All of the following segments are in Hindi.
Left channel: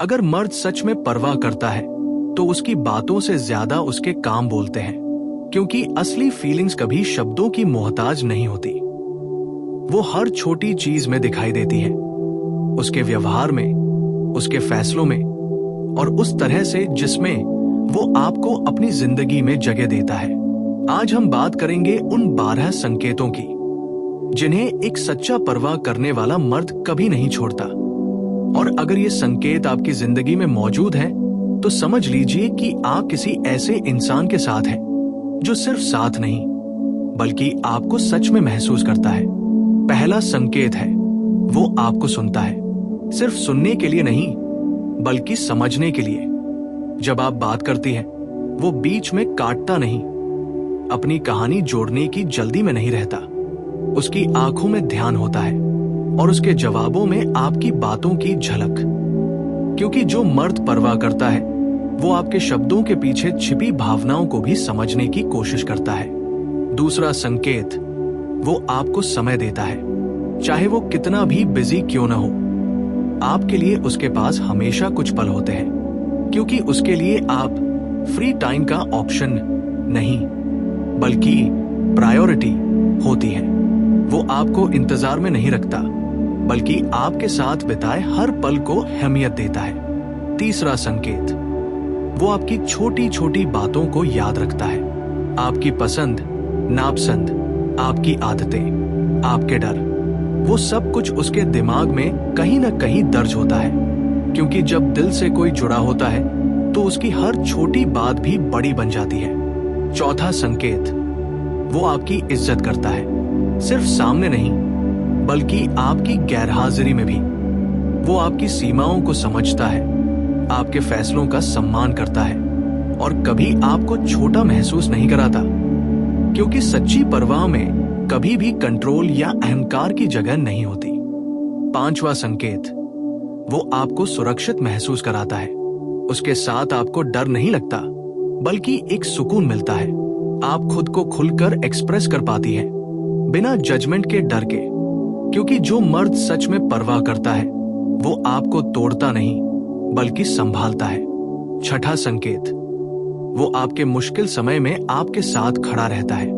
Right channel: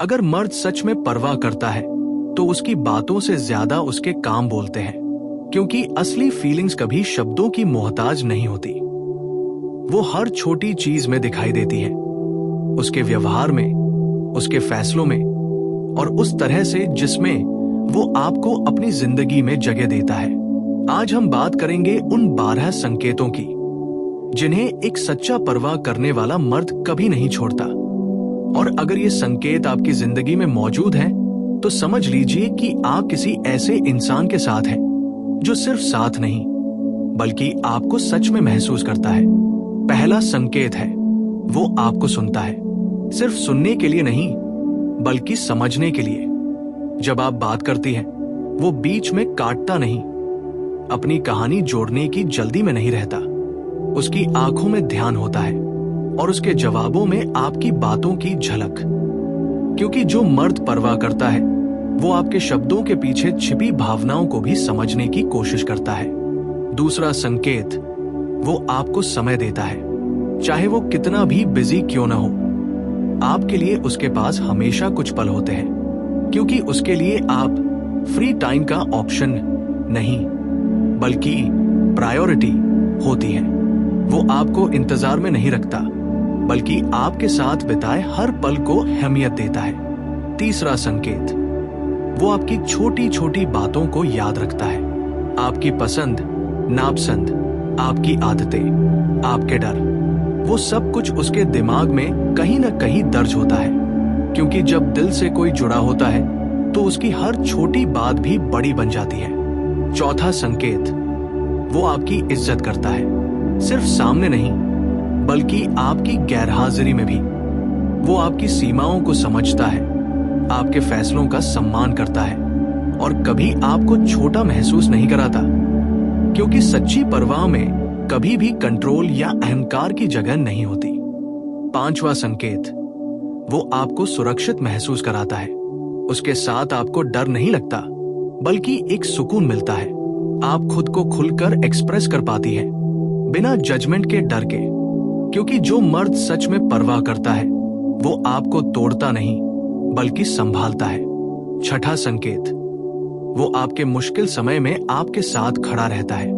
अगर मर्द सच में परवाह करता है तो उसकी बातों से ज्यादा उसके काम बोलते हैं, क्योंकि असली फीलिंग्स कभी शब्दों की मोहताज नहीं होती। वो हर छोटी चीज में दिखाई देती है, उसके व्यवहार में, उसके फैसलों में और उस तरह से जिसमें वो आपको अपनी जिंदगी में जगह देता है। आज हम बात करेंगे उन 12 संकेतों की जिन्हें एक सच्चा परवाह करने वाला मर्द कभी नहीं छोड़ता। और अगर ये संकेत आपकी जिंदगी में मौजूद हैं, तो समझ लीजिए कि आप किसी ऐसे इंसान के साथ हैं जो सिर्फ साथ नहीं बल्कि आपको सच में महसूस करता है। पहला संकेत है, वो आपको सुनता है, सिर्फ सुनने के लिए नहीं बल्कि समझने के लिए। जब आप बात करती हैं, वो बीच में काटता नहीं, अपनी कहानी जोड़ने की जल्दी में नहीं रहता। उसकी आंखों में ध्यान होता है और उसके जवाबों में आपकी बातों की झलक। क्योंकि जो मर्द परवाह करता है वो आपके शब्दों के पीछे छिपी भावनाओं को भी समझने की कोशिश करता है। दूसरा संकेत, वो आपको समय देता है, चाहे वो कितना भी बिजी क्यों न हो। आपके लिए उसके पास हमेशा कुछ पल होते हैं, क्योंकि उसके लिए आप फ्री टाइम का ऑप्शन नहीं बल्कि प्रायोरिटी होती है। वो आपको इंतजार में नहीं रखता बल्कि आपके साथ बिताए हर पल को अहमियत देता है। तीसरा संकेत, वो आपकी छोटी छोटी बातों को याद रखता है, आपकी पसंद नापसंद, आपकी आदतें, आपके डर, वो सब कुछ उसके दिमाग में कहीं न कहीं दर्ज होता है। क्योंकि जब दिल से कोई जुड़ा होता है तो उसकी हर छोटी बात भी बड़ी बन जाती है। चौथा संकेत, वो आपकी इज्जत करता है, सिर्फ सामने नहीं बल्कि आपकी गैरहाजिरी में भी। वो आपकी सीमाओं को समझता है, आपके फैसलों का सम्मान करता है और कभी आपको छोटा महसूस नहीं कराता। क्योंकि सच्ची परवाह में कभी भी कंट्रोल या अहंकार की जगह नहीं होती। पांचवा संकेत, वो आपको सुरक्षित महसूस कराता है, उसके साथ आपको डर नहीं लगता बल्कि एक सुकून मिलता है। आप खुद को खुलकर एक्सप्रेस कर पाती है बिना जजमेंट के डर के। क्योंकि जो मर्द सच में परवाह करता है वो आपको तोड़ता नहीं बल्कि संभालता है। छठा संकेत, वो आपके मुश्किल समय में आपके साथ खड़ा रहता है।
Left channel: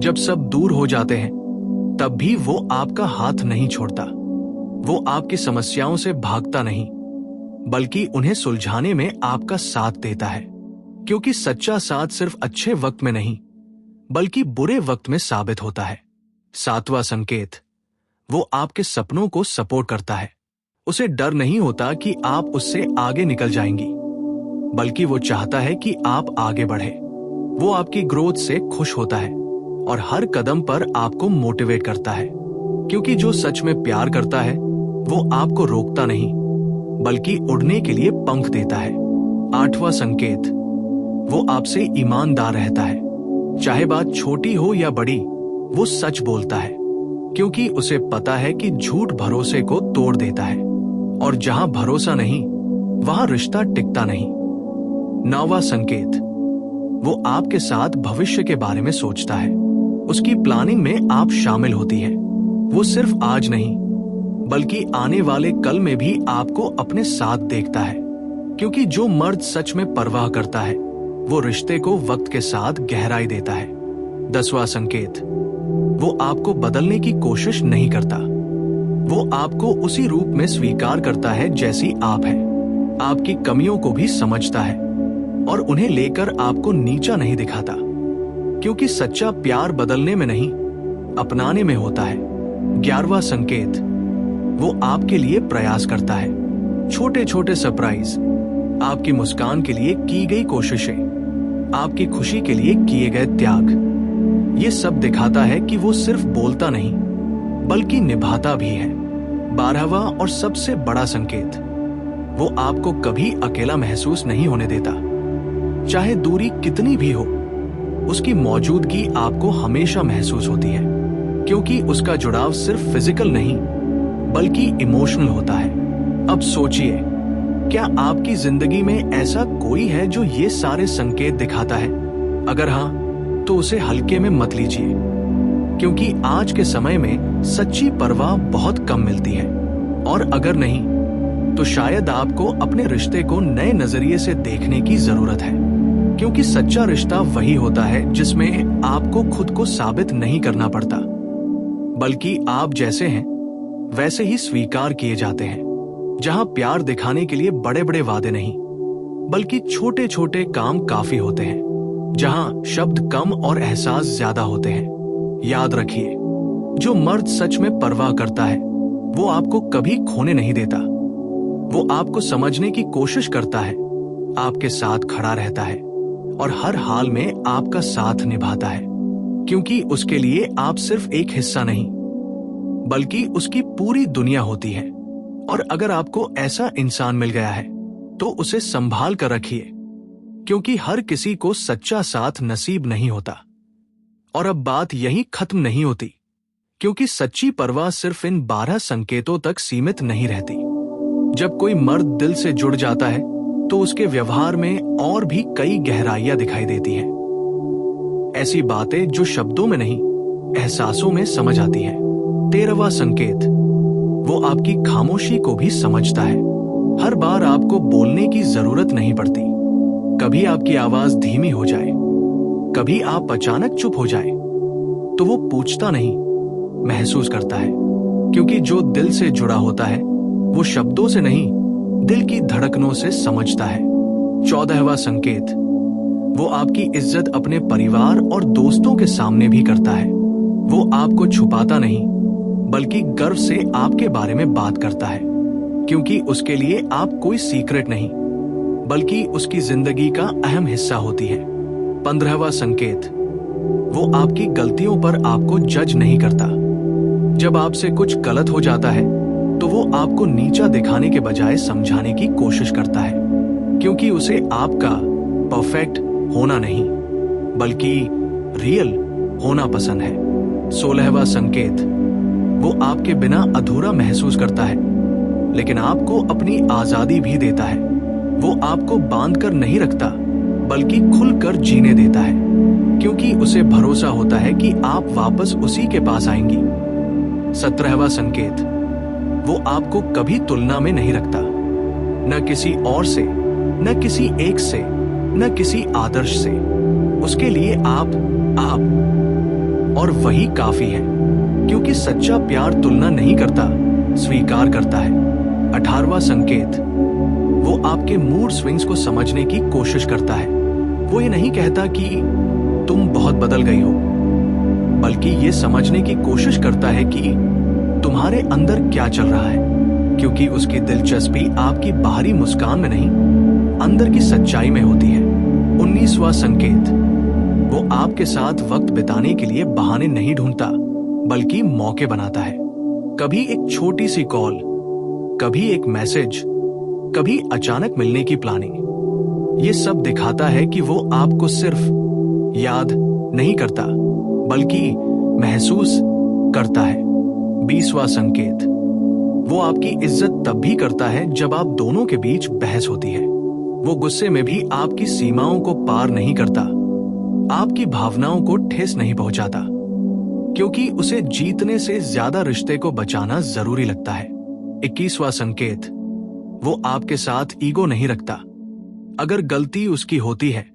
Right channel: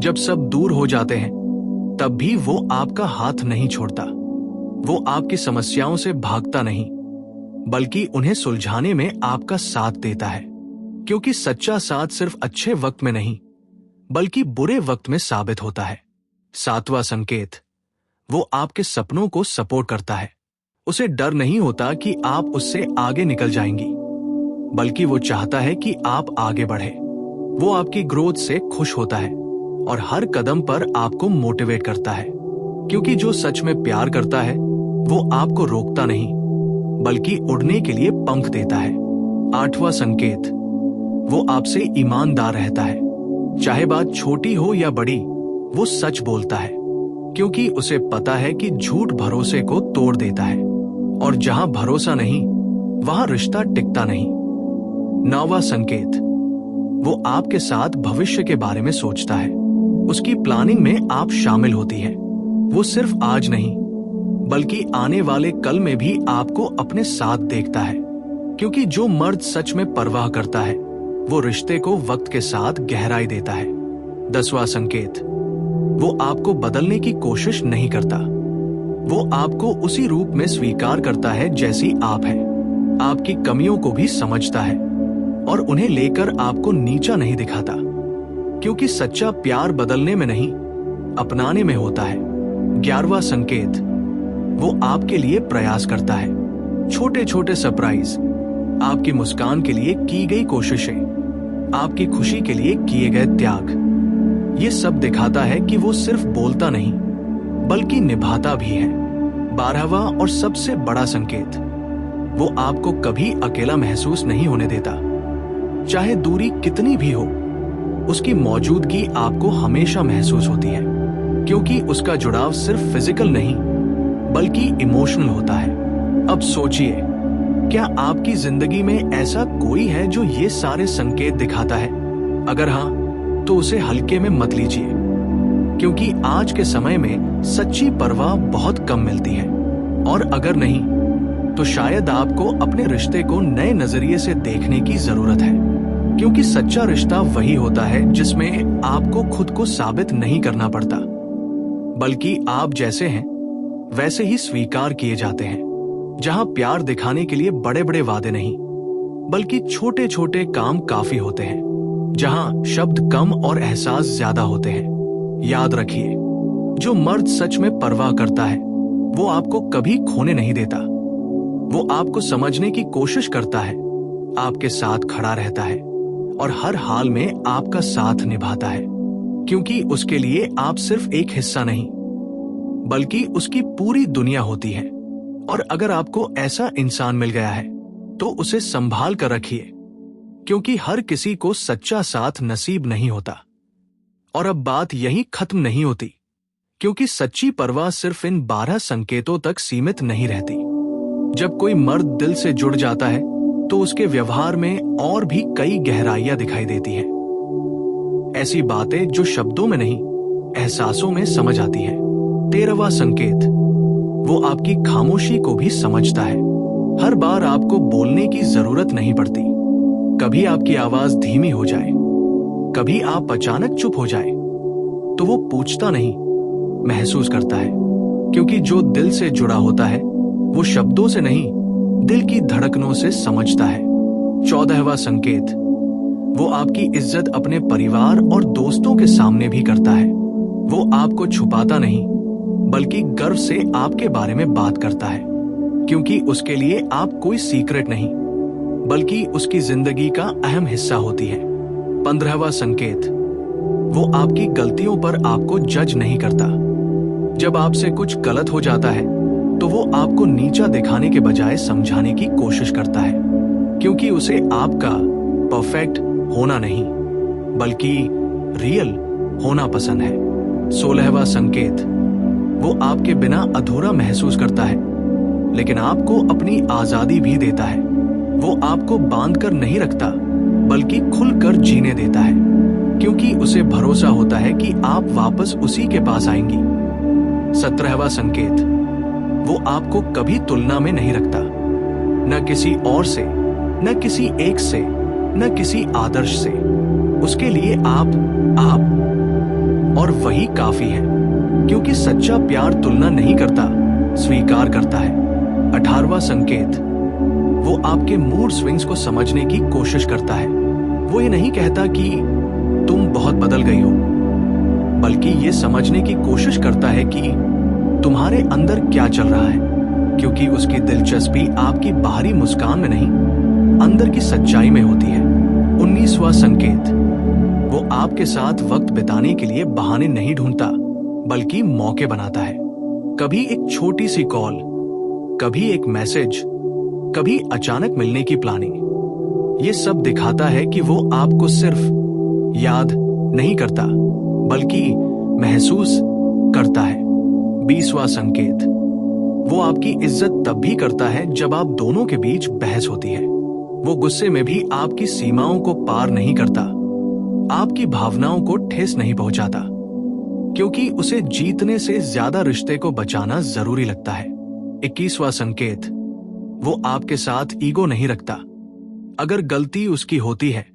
जब सब दूर हो जाते हैं तब भी वो आपका हाथ नहीं छोड़ता। वो आपकी समस्याओं से भागता नहीं बल्कि उन्हें सुलझाने में आपका साथ देता है। क्योंकि सच्चा साथ सिर्फ अच्छे वक्त में नहीं बल्कि बुरे वक्त में साबित होता है। सातवां संकेत, वो आपके सपनों को सपोर्ट करता है। उसे डर नहीं होता कि आप उससे आगे निकल जाएंगी, बल्कि वो चाहता है कि आप आगे बढ़े। वो आपकी ग्रोथ से खुश होता है और हर कदम पर आपको मोटिवेट करता है। क्योंकि जो सच में प्यार करता है वो आपको रोकता नहीं बल्कि उड़ने के लिए पंख देता है। आठवां संकेत, वो आपसे ईमानदार रहता है, चाहे बात छोटी हो या बड़ी, वो सच बोलता है। क्योंकि उसे पता है कि झूठ भरोसे को तोड़ देता है और जहां भरोसा नहीं वहां रिश्ता टिकता नहीं। नौवां संकेत, वो आपके साथ भविष्य के बारे में सोचता है, उसकी प्लानिंग में आप शामिल होती है। वो सिर्फ आज नहीं बल्कि आने वाले कल में भी आपको अपने साथ देखता है। क्योंकि जो मर्द सच में परवाह करता है वो रिश्ते को वक्त के साथ गहराई देता है। 10वां संकेत, वो आपको बदलने की कोशिश नहीं करता, वो आपको उसी रूप में स्वीकार करता है जैसी आप हैं। आपकी कमियों को भी समझता है और उन्हें लेकर आपको नीचा नहीं दिखाता। क्योंकि सच्चा प्यार बदलने में नहीं अपनाने में होता है। 11वां संकेत, वो आपके लिए प्रयास करता है, छोटे छोटे सरप्राइज, आपकी मुस्कान के लिए की गई कोशिशें, आपकी खुशी के लिए किए गए त्याग, ये सब दिखाता है कि वो सिर्फ बोलता नहीं बल्कि निभाता भी है। 12वां और सबसे बड़ा संकेत, वो आपको कभी अकेला महसूस नहीं होने देता। चाहे दूरी कितनी भी हो, उसकी मौजूदगी आपको हमेशा महसूस होती है। क्योंकि उसका जुड़ाव सिर्फ फिजिकल नहीं बल्कि इमोशनल होता है। अब सोचिए, क्या आपकी जिंदगी में ऐसा कोई है जो ये सारे संकेत दिखाता है? अगर हाँ, तो उसे हल्के में मत लीजिए। क्योंकि आज के समय में सच्ची परवाह बहुत कम मिलती है। और अगर नहीं, तो शायद आपको अपने रिश्ते को नए नजरिए से देखने की जरूरत है, क्योंकि सच्चा रिश्ता वही होता है जिसमें आपको खुद को साबित नहीं करना पड़ता, बल्कि आप जैसे हैं वैसे ही स्वीकार किए जाते हैं। जहां प्यार दिखाने के लिए बड़े बड़े वादे नहीं, बल्कि छोटे छोटे काम काफी होते हैं। जहां शब्द कम और एहसास ज्यादा होते हैं। याद रखिए, जो मर्द सच में परवाह करता है वो आपको कभी खोने नहीं देता। वो आपको समझने की कोशिश करता है, आपके साथ खड़ा रहता है और हर हाल में आपका साथ निभाता है, क्योंकि उसके लिए आप सिर्फ एक हिस्सा नहीं बल्कि उसकी पूरी दुनिया होती है। और अगर आपको ऐसा इंसान मिल गया है तो उसे संभाल कर रखिए, क्योंकि हर किसी को सच्चा साथ नसीब नहीं होता। और अब बात यहीं खत्म नहीं होती, क्योंकि सच्ची परवाह सिर्फ इन 12 संकेतों तक सीमित नहीं रहती। जब कोई मर्द दिल से जुड़ जाता है तो उसके व्यवहार में और भी कई गहराइयां दिखाई देती हैं। ऐसी बातें जो शब्दों में नहीं, एहसासों में समझ आती है। 13वां संकेत, वो आपकी खामोशी को भी समझता है। हर बार आपको बोलने की जरूरत नहीं पड़ती। कभी आपकी आवाज धीमी हो जाए, कभी आप अचानक चुप हो जाए, तो वो पूछता नहीं, महसूस करता है। क्योंकि जो दिल से जुड़ा होता है वो शब्दों से नहीं, दिल की धड़कनों से समझता है। 14वां संकेत, वो आपकी इज्जत अपने परिवार और दोस्तों के सामने भी करता है। वो आपको छुपाता नहीं, बल्कि गर्व से आपके बारे में बात करता है, क्योंकि उसके लिए आप कोई सीक्रेट नहीं, बल्कि उसकी जिंदगी का अहम हिस्सा होती है। 15वां संकेत, वो आपकी गलतियों पर आपको जज नहीं करता। जब आपसे कुछ गलत हो जाता है तो वो आपको नीचा दिखाने के बजाय समझाने की कोशिश करता है, क्योंकि उसे आपका परफेक्ट होना नहीं बल्कि रियल होना पसंद है। 16वां संकेत, वो आपके बिना अधूरा महसूस करता है, लेकिन आपको अपनी आजादी भी देता है। वो आपको बांधकर नहीं रखता, बल्कि खुलकर जीने देता है, क्योंकि उसे भरोसा होता है कि आप वापस उसी के पास आएंगी। 17वां संकेत, वो आपको कभी तुलना में नहीं रखता, न किसी और से, न किसी एक से, न किसी आदर्श से। उसके लिए आप और वही काफी है, क्योंकि सच्चा प्यार तुलना नहीं करता, स्वीकार करता है। 18वां संकेत, वो आपके मूड स्विंग्स को समझने की कोशिश करता है। वो ये नहीं कहता कि तुम बहुत बदल गई हो, बल्कि ये समझने की कोशिश करता है कि तुम्हारे अंदर क्या चल रहा है, क्योंकि उसकी दिलचस्पी आपकी बाहरी मुस्कान में नहीं, अंदर की सच्चाई में होती है। 19वां संकेत, वो आपके साथ वक्त बिताने के लिए बहाने नहीं ढूंढता, बल्कि मौके बनाता है। कभी एक छोटी सी कॉल, कभी एक मैसेज, कभी अचानक मिलने की प्लानिंग। ये सब दिखाता है कि वो आपको सिर्फ याद नहीं करता, बल्कि महसूस करता है। 20वां संकेत, वो आपकी इज्जत तब भी करता है जब आप दोनों के बीच बहस होती है। वो गुस्से में भी आपकी सीमाओं को पार नहीं करता, आपकी भावनाओं को ठेस नहीं पहुंचाता, क्योंकि उसे जीतने से ज्यादा रिश्ते को बचाना जरूरी लगता है। 21वां संकेत, वो आपके साथ ईगो नहीं रखता। अगर गलती उसकी होती है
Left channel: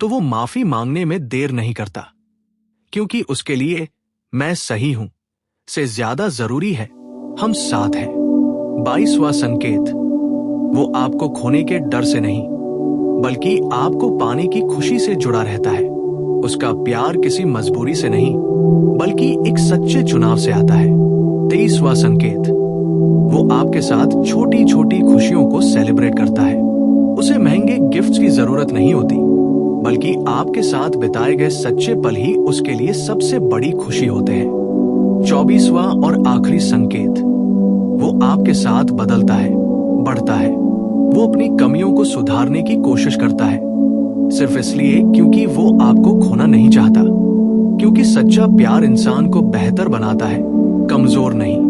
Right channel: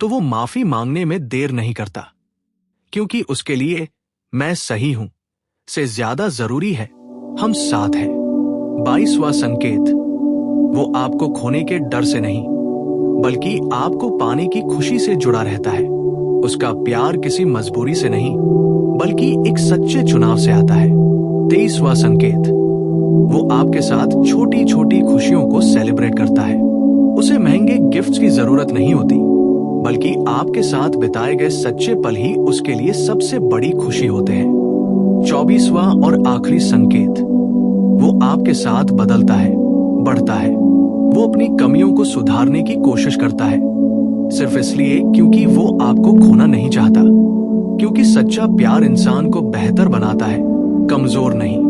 तो वो माफी मांगने में देर नहीं करता, क्योंकि उसके लिए मैं सही हूं से ज्यादा जरूरी है हम साथ हैं। 22वां संकेत, वो आपको खोने के डर से नहीं, बल्कि आपको पाने की खुशी से जुड़ा रहता है। उसका प्यार किसी मजबूरी से नहीं, बल्कि एक सच्चे चुनाव से आता है। 23वां संकेत, वो आपके साथ छोटी छोटी खुशियों को सेलिब्रेट करता है। उसे महंगे गिफ्ट्स की जरूरत नहीं होती, बल्कि आपके साथ बिताए गए सच्चे पल ही उसके लिए सबसे बड़ी खुशी होते हैं। 24वां और आखिरी संकेत, वो आपके साथ बदलता है, बढ़ता है। वो अपनी कमियों को सुधारने की कोशिश करता है, सिर्फ इसलिए क्योंकि वो आपको खोना नहीं चाहता, क्योंकि सच्चा प्यार इंसान को बेहतर बनाता है, कमजोर नहीं।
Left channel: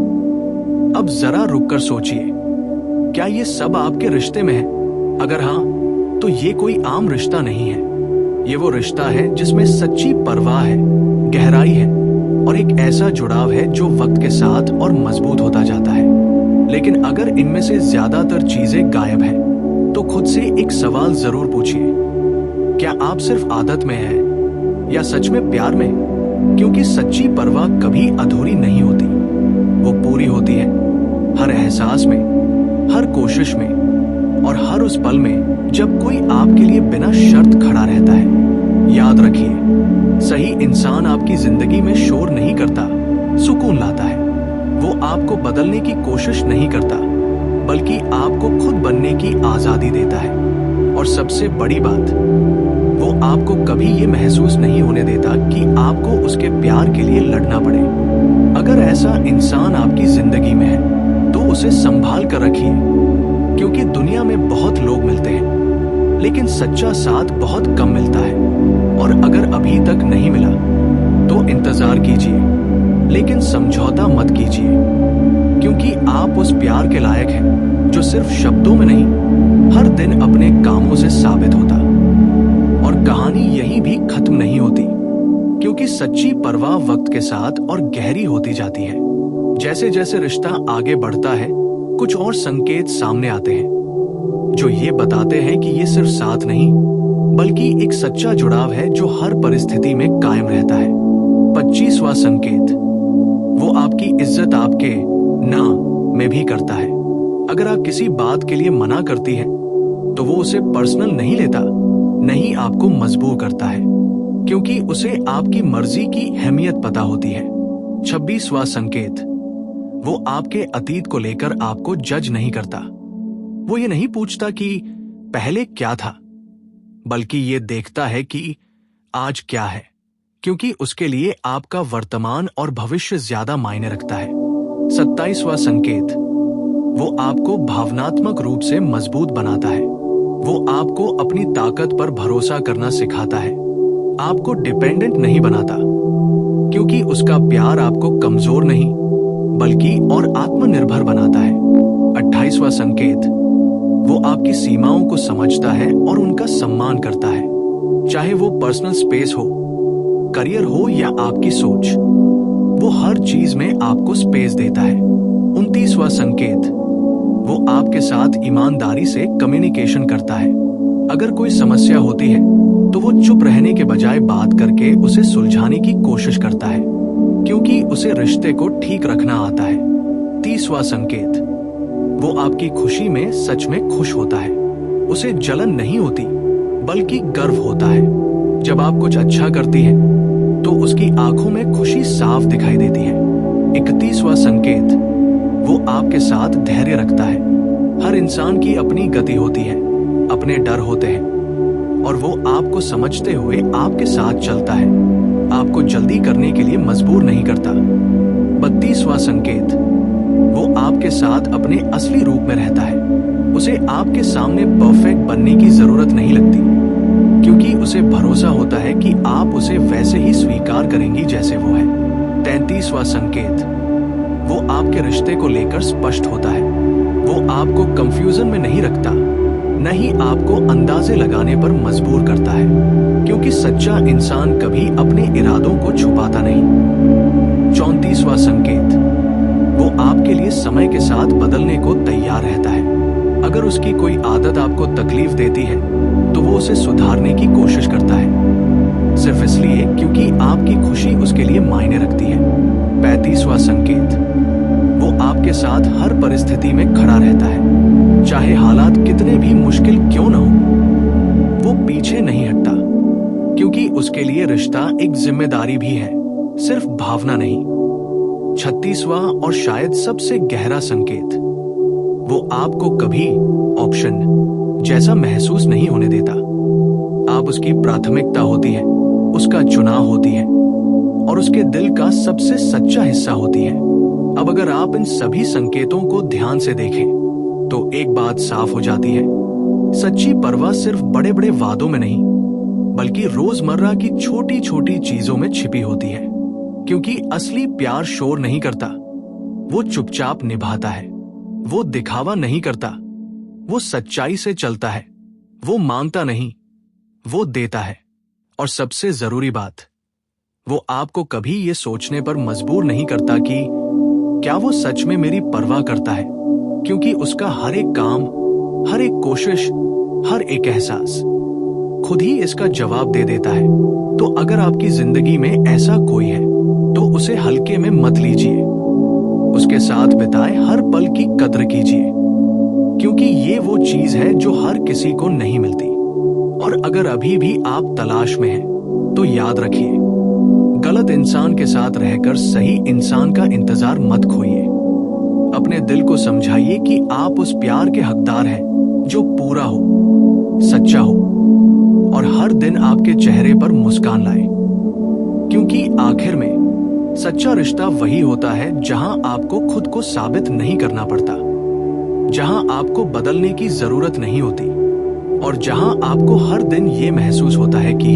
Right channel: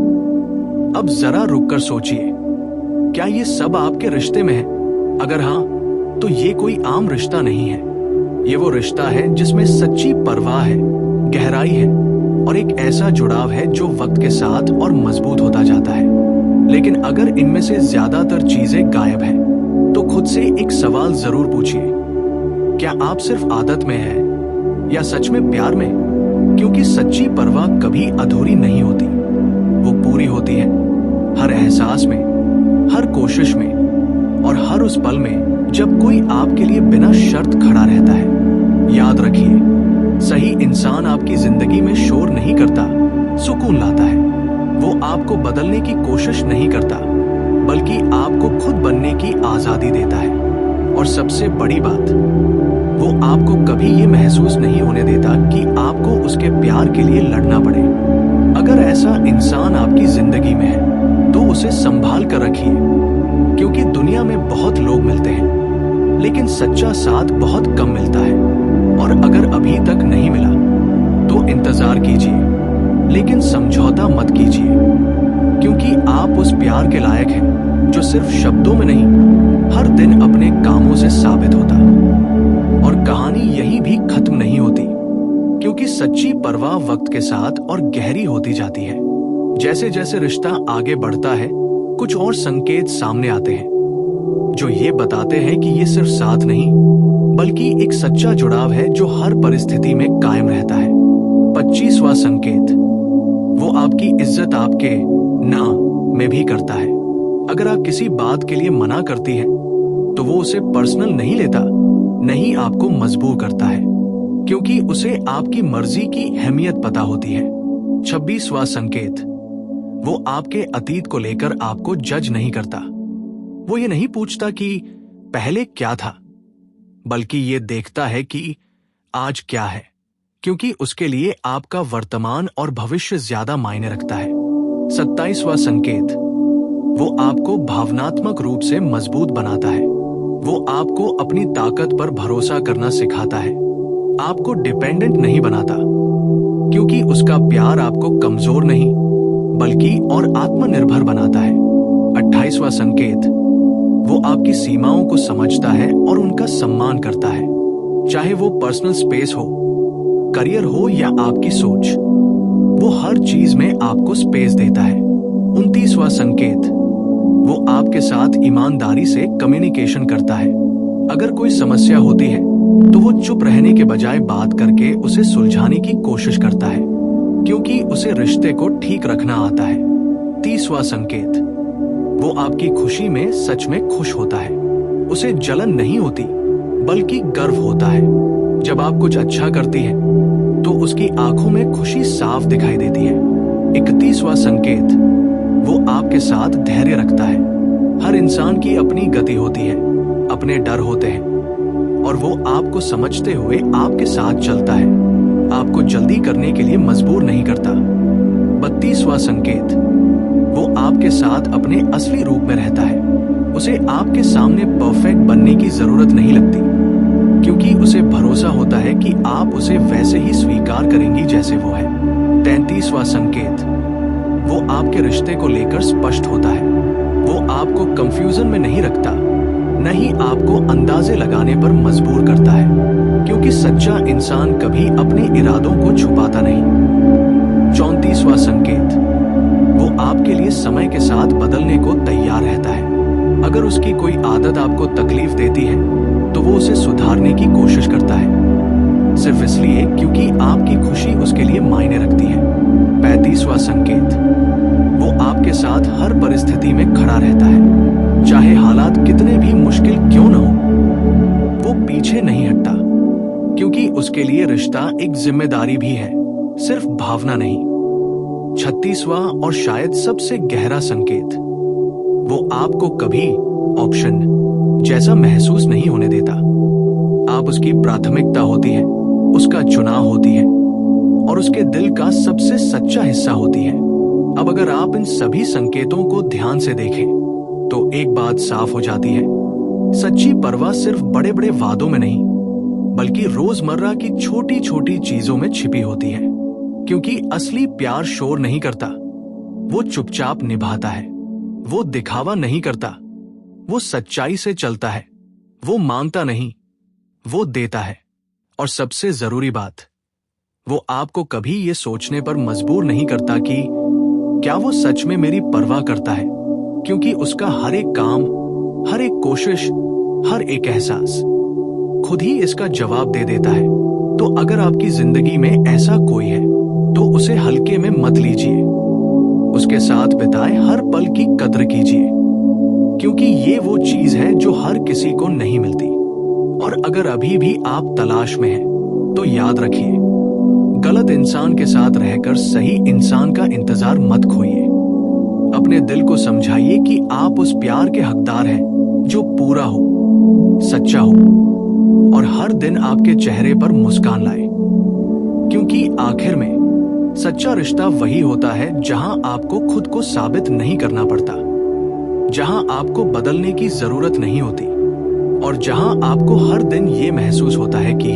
अब जरा रुककर सोचिए, क्या ये सब आपके रिश्ते में है? अगर हाँ, तो ये कोई आम रिश्ता नहीं है। ये वो रिश्ता है जिसमें सच्ची परवाह है, गहराई है और एक ऐसा जुड़ाव है जो वक्त के साथ और मजबूत होता जाता है। लेकिन अगर इनमें से ज्यादातर चीजें गायब हैं, तो खुद से एक सवाल जरूर पूछिए, क्या आप सिर्फ आदत में हैं या सच में प्यार में? क्योंकि सच्ची परवाह कभी अधूरी नहीं होती, वो पूरी होती है, हर एहसास में, हर कोशिश में और हर उस पल में जब कोई आपके लिए बिना शर्त खड़ा रहता है। याद रखिए, सही इंसान आपकी जिंदगी में शोर नहीं करता, सुकून लाता है। वो आपको बदलने की कोशिश नहीं करता, बल्कि आपको खुद बनने की आजादी देता है। और सबसे बड़ी बात, वो आपको कभी ये महसूस नहीं होने देता कि आपको उसके प्यार के लिए लड़ना पड़े। अगर ऐसा इंसान आपकी जिंदगी में है, तो उसे संभाल कर रखिए, क्योंकि दुनिया में बहुत लोग मिलते हैं, लेकिन सच्चा साथ बहुत कम मिलता है। और अगर अभी तक नहीं मिला, तो इंतजार कीजिए, लेकिन समझौता मत कीजिए, क्योंकि आप उस प्यार के लायक हैं जो सिर्फ शब्दों में नहीं, हर दिन अपने कामों से साबित होता। और कहानी यहीं भी खत्म नहीं होती, क्योंकि सच्ची परवाह वक्त के साथ और गहरी होती जाती है। जैसे जैसे रिश्ता आगे बढ़ता है, कुछ और संकेत सामने आते हैं, जो ये बताते हैं कि ये सिर्फ साथ नहीं, बल्कि एक सच्चा जुड़ाव है जो हर परिस्थिति में कायम रहता है। 25वां संकेत, वो आपकी इज्जत आपके ना में भी करता है। अगर आप किसी बात के लिए मना करती हैं, तो वो उसे पर्सनल नहीं लेता, नहीं आपको मजबूर करता है, क्योंकि उसे आपकी मर्जी की अहमियत पता होती है। 26वां संकेत, वो आपके अतीत को लेकर आपको जज नहीं करता। वो ये नहीं पूछता कि पहले क्या था, बल्कि ये देखता है कि आज क्या है, क्योंकि उसके लिए आपका वर्तमान और भविष्य ज्यादा मायने रखता है। 27वां संकेत, वो आपको भावनात्मक रूप से मजबूत बनाता है। वो आपको अपनी ताकत पर भरोसा करना सिखाता है, आपको डिपेंडेंट नहीं बनाता, क्योंकि उसका प्यार आपको कमजोर नहीं, बल्कि और आत्मनिर्भर बनाता है। 28वां संकेत, वो आपकी सीमाओं को समझता है और उनका सम्मान करता है, चाहे वो पर्सनल स्पेस हो, करियर हो या आपकी सोच, वो हर चीज में आपको स्पेस देता है। 29वां संकेत, वो आपके साथ ईमानदारी से कम्युनिकेशन करता है। अगर कोई समस्या होती है, तो वो चुप रहने के बजाय बात करके उसे सुलझाने की कोशिश करता है, क्योंकि उसे रिश्ते को ठीक रखना आता है। 30वां संकेत, वो आपकी खुशी में सच में खुश होता है। उसे जलन नहीं होती, बल्कि गर्व होता है। जब आप कुछ अच्छा करती है, तो उसकी आंखों में खुशी साफ दिखाई देती है। 31वां संकेत, वो आपके साथ धैर्य रखता है। हर इंसान की अपनी गति होती है, अपने डर होते हैं, और वो आपको समझते हुए आपके साथ चलता है, आपको जल्दी करने के लिए मजबूर नहीं करता। 32वां संकेत, वो आपके साथ अपने असली रूप में रहता है। उसे आपके सामने परफेक्ट बनने की जरूरत नहीं लगती, क्योंकि उसे भरोसा होता है कि आप उसे वैसे ही स्वीकार करेंगी जैसे वो है। 33वां संकेत, वो आपके रिश्ते को लेकर स्पष्ट होता है। वो आपको कंफ्यूजन में नहीं रखता, न ही आपको अंदाजे लगाने पर मजबूर करता है, क्योंकि सच्चा इंसान कभी अपने इरादों को छुपाता नहीं। 34वां संकेत, वो आपके लिए समय के साथ बदलने को तैयार रहता है। अगर उसकी कोई आदत आपको तकलीफ देती है, तो वो उसे सुधारने की कोशिश करता है, सिर्फ इसलिए क्योंकि आपकी खुशी उसके लिए मायने रखती है। 35वां संकेत, वो आपके साथ हर परिस्थिति में खड़ा रहता है, चाहे हालात कितने भी मुश्किल क्यों न हो। वो पीछे नहीं हटता, क्योंकि उसके लिए रिश्ता एक जिम्मेदारी भी है, सिर्फ भावना नहीं। 36वां और शायद सबसे गहरा संकेत, वो आपको कभी ऑप्शन जैसा महसूस नहीं होने देता। आप उसकी प्राथमिकता होती है, उसका चुनाव होती है, और उसके दिल का सबसे सच्चा हिस्सा होती है। अब अगर आप इन सभी संकेतों को ध्यान से देखें, तो एक बात साफ हो जाती है, सच्ची परवाह सिर्फ बड़े बड़े वादों में नहीं, बल्कि रोजमर्रा की छोटी छोटी चीजों में छिपी होती है। क्योंकि असली प्यार शोर नहीं करता, वो चुपचाप निभाता है, वो दिखावा नहीं करता, वो सच्चाई से चलता है, वो मांगता नहीं, वो देता है। और सबसे जरूरी बात, वो आपको कभी ये सोचने पर मजबूर नहीं करता कि क्या वो सच में मेरी परवाह करता है, क्योंकि उसका हर एक काम, हर एक कोशिश, हर एक एहसास खुद ही इसका जवाब दे देता है। तो अगर आपकी जिंदगी में ऐसा कोई है तो उसे हल्के में मत लीजिए। उसके साथ बिताए हर पल की कद्र कीजिए, क्योंकि ये वो चीज है जो हर किसी को नहीं मिलती। और अगर अभी भी आप तलाश में हैं, तो याद रखिए, गलत इंसान के साथ रहकर सही इंसान का इंतजार मत खोइए। अपने दिल को समझाइए कि आप उस प्यार के हकदार हैं जो पूरा हो, सच्चा हो और हर दिन आपके चेहरे पर मुस्कान लाए। क्योंकि आखिर में सच्चा रिश्ता वही होता है जहां आपको खुद को साबित नहीं करना पड़ता, जहां आपको बदलने की जरूरत नहीं होती और जहां आपको हर दिन ये महसूस होता है कि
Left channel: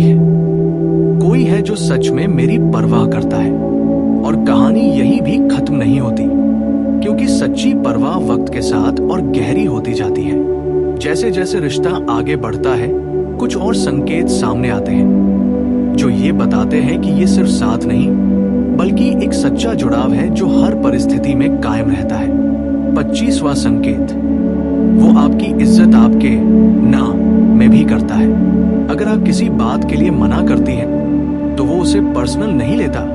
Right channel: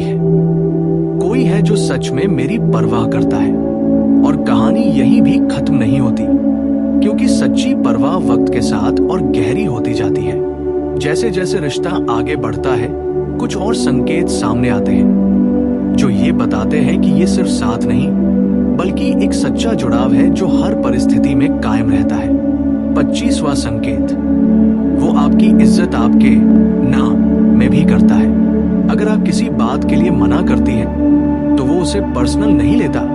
कोई है जो सच में मेरी परवाह करता है। और कहानी यही भी खत्म नहीं होती, क्योंकि सच्ची परवाह वक्त के साथ और गहरी होती जाती है। जैसे जैसे रिश्ता आगे बढ़ता है, कुछ और संकेत सामने आते हैं जो ये बताते हैं कि ये सिर्फ साथ नहीं, बल्कि एक सच्चा जुड़ाव है जो हर परिस्थिति में कायम रहता है। 25वां संकेत, वो आपकी इज्जत आपके ना में भी करता है। अगर आप किसी बात के लिए मना करती हैं, तो वो उसे पर्सनल नहीं लेता,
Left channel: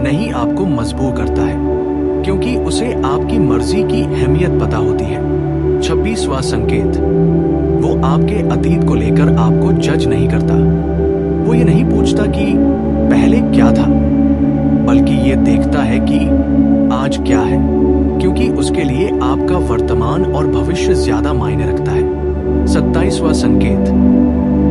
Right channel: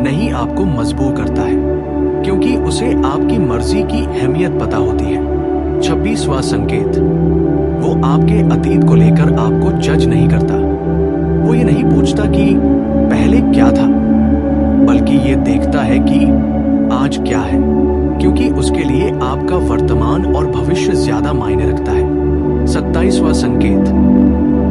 नहीं आपको मजबूर करता है, क्योंकि उसे आपकी मर्जी की अहमियत पता होती है। 26वां संकेत, वो आपके अतीत को लेकर आपको जज नहीं करता। वो ये नहीं पूछता कि पहले क्या था, बल्कि ये देखता है कि आज क्या है, क्योंकि उसके लिए आपका वर्तमान और भविष्य ज्यादा मायने रखता है। 27वां संकेत,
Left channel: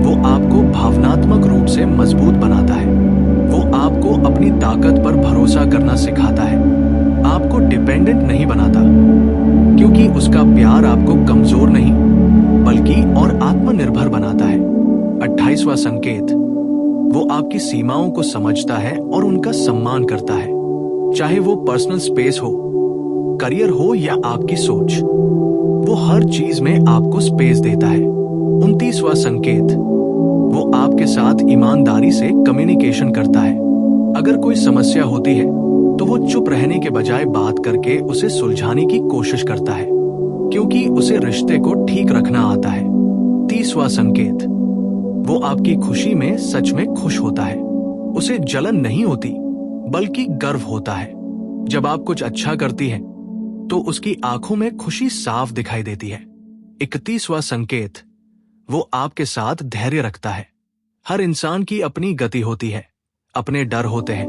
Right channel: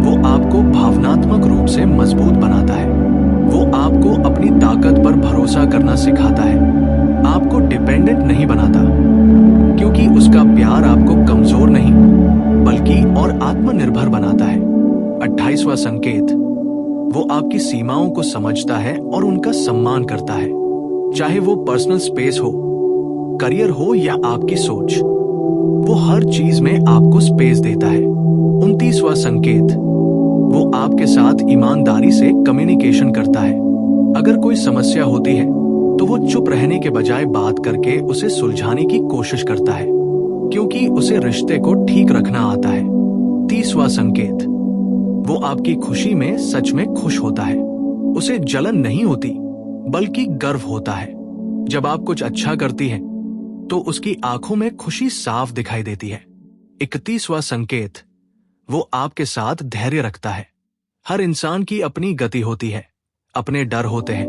वो आपको भावनात्मक रूप से मजबूत बनाता है। वो आपको अपनी ताकत पर भरोसा करना सिखाता है, आपको डिपेंडेंट नहीं बनाता, क्योंकि उसका प्यार आपको कमजोर नहीं बल्कि और आत्मनिर्भर बनाता है। 28वां संकेत, वो आपकी सीमाओं को समझता है और उनका सम्मान करता है, चाहे वो पर्सनल स्पेस हो, करियर हो या आपकी सोच। वो हर चीज में आपको स्पेस देता है। 29वां संकेत, वो आपके साथ ईमानदारी से कम्युनिकेशन करता है। अगर कोई समस्या होती है तो वो चुप रहने के बजाय बात करके उसे सुलझाने की कोशिश करता है, क्योंकि उसे रिश्ते को ठीक रखना आता है। 30वां संकेत, वो आपकी खुशी में सच में खुश होता है। उसे जलन नहीं होती बल्कि गर्व होता है। जब आप कुछ अच्छा करती हैं, तो उसकी आंखों में खुशी साफ दिखाई देती है। 31वां संकेत, वो आपके साथ धैर्य रखता है। हर इंसान की अपनी गति होती है, अपने डर होते हैं,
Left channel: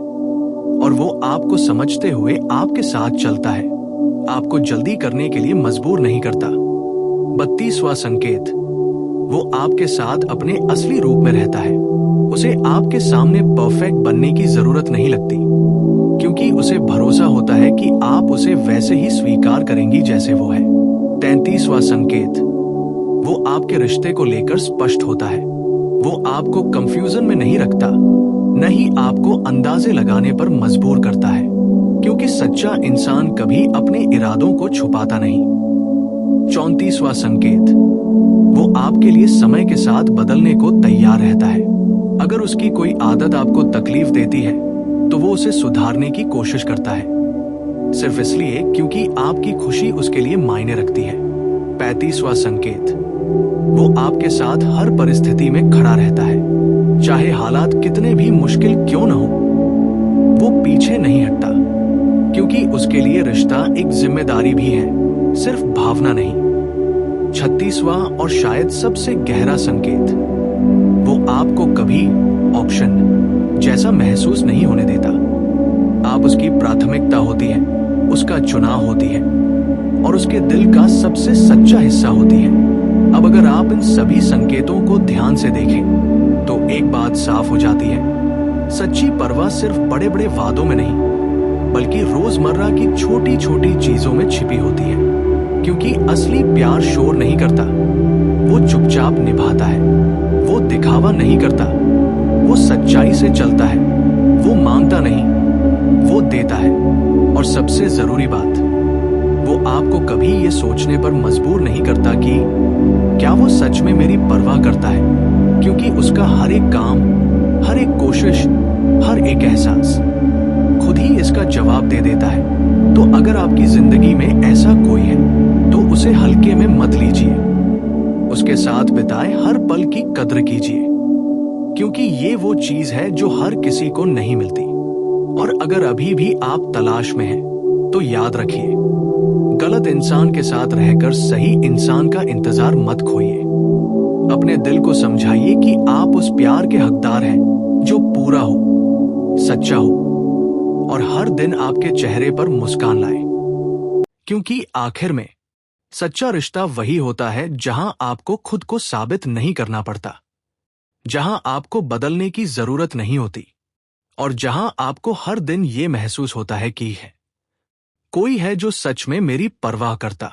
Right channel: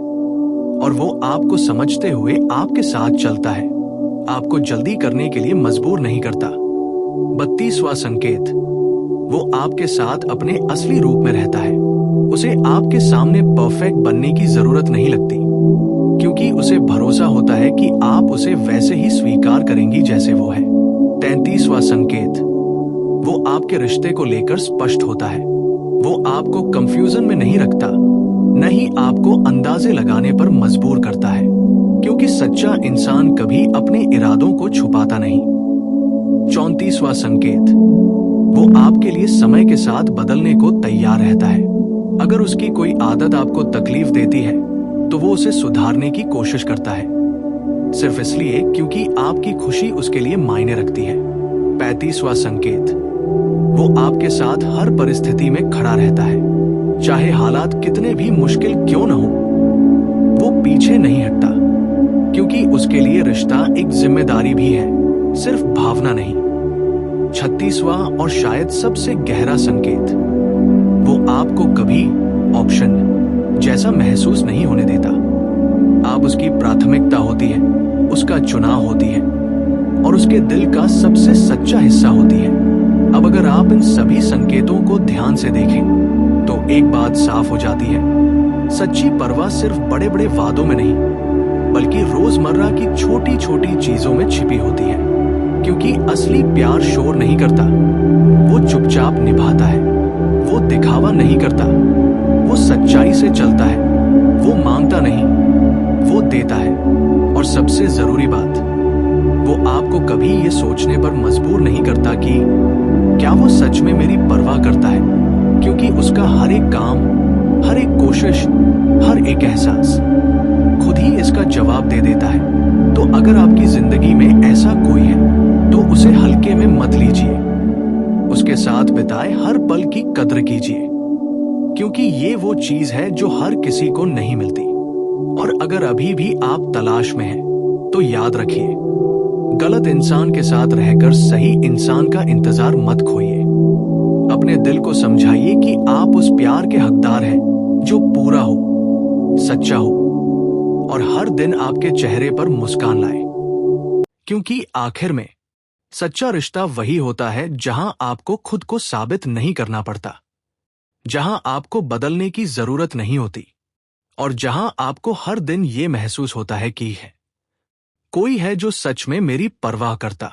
और वो आपको समझते हुए आपके साथ चलता है, आपको जल्दी करने के लिए मजबूर नहीं करता। 32वां संकेत, वो आपके साथ अपने असली रूप में रहता है। उसे आपके सामने परफेक्ट बनने की जरूरत नहीं लगती, क्योंकि उसे भरोसा होता है कि आप उसे वैसे ही स्वीकार करेंगी जैसे वो है। 33वां संकेत, वो आपके रिश्ते को लेकर स्पष्ट होता है। वो आपको कंफ्यूजन में नहीं रखता, न ही आपको अंदाजे लगाने पर मजबूर करता है, क्योंकि सच्चा इंसान कभी अपने इरादों को छुपाता नहीं। 34वां संकेत, वो आपके लिए समय के साथ बदलने को तैयार रहता है। अगर उसकी कोई आदत आपको तकलीफ देती है, तो वो उसे सुधारने की कोशिश करता है, सिर्फ इसलिए क्योंकि आपकी खुशी उसके लिए मायने रखती है। 35वां संकेत, वो आपके साथ हर परिस्थिति में खड़ा रहता है, चाहे हालात कितने भी मुश्किल क्यों न हो। वो पीछे नहीं हटता, क्योंकि उसके लिए रिश्ता एक जिम्मेदारी भी है, सिर्फ भावना नहीं। 36वां और शायद सबसे गहरा संकेत, वो आपको कभी ऑप्शन जैसा महसूस नहीं होने देता। आप उसकी प्राथमिकता होती है, उसका चुनाव होती है, और उसके दिल का सबसे सच्चा हिस्सा होती है। अब अगर आप इन सभी संकेतों को ध्यान से देखें, तो एक बात साफ हो जाती है, सच्ची परवाह सिर्फ बड़े बड़े वादों में नहीं, बल्कि रोजमर्रा की छोटी छोटी चीजों में छिपी होती है। क्योंकि असली प्यार शोर नहीं करता, वो चुपचाप निभाता है, वो दिखावा नहीं करता, वो सच्चाई से चलता है, वो मांगता नहीं, वो देता है। और सबसे जरूरी बात, वो आपको कभी ये सोचने पर मजबूर नहीं करता कि क्या वो सच में मेरी परवाह करता है, क्योंकि उसका हर एक काम, हर एक कोशिश, हर एक एहसास खुद ही इसका जवाब दे देता है। तो अगर आपकी जिंदगी में ऐसा कोई है, तो उसे हल्के में मत लीजिए। उसके साथ बिताए हर पल की कद्र कीजिए, क्योंकि ये वो चीज है जो हर किसी को नहीं मिलती। और अगर अभी भी आप तलाश में हैं, तो याद रखिए, गलत इंसान के साथ रहकर सही इंसान का इंतजार मत खोइए। अपने दिल को समझाइए कि आप उस प्यार के हकदार हैं जो पूरा हो, सच्चा हो और हर दिन आपके चेहरे पर मुस्कान लाए। क्योंकि आखिर में सच्चा रिश्ता वही होता है जहां आपको खुद को साबित नहीं करना पड़ता, जहां आपको बदलने की जरूरत नहीं होती और जहां आपको हर दिन ये महसूस होता है कि है कोई है जो सच में मेरी परवाह करता।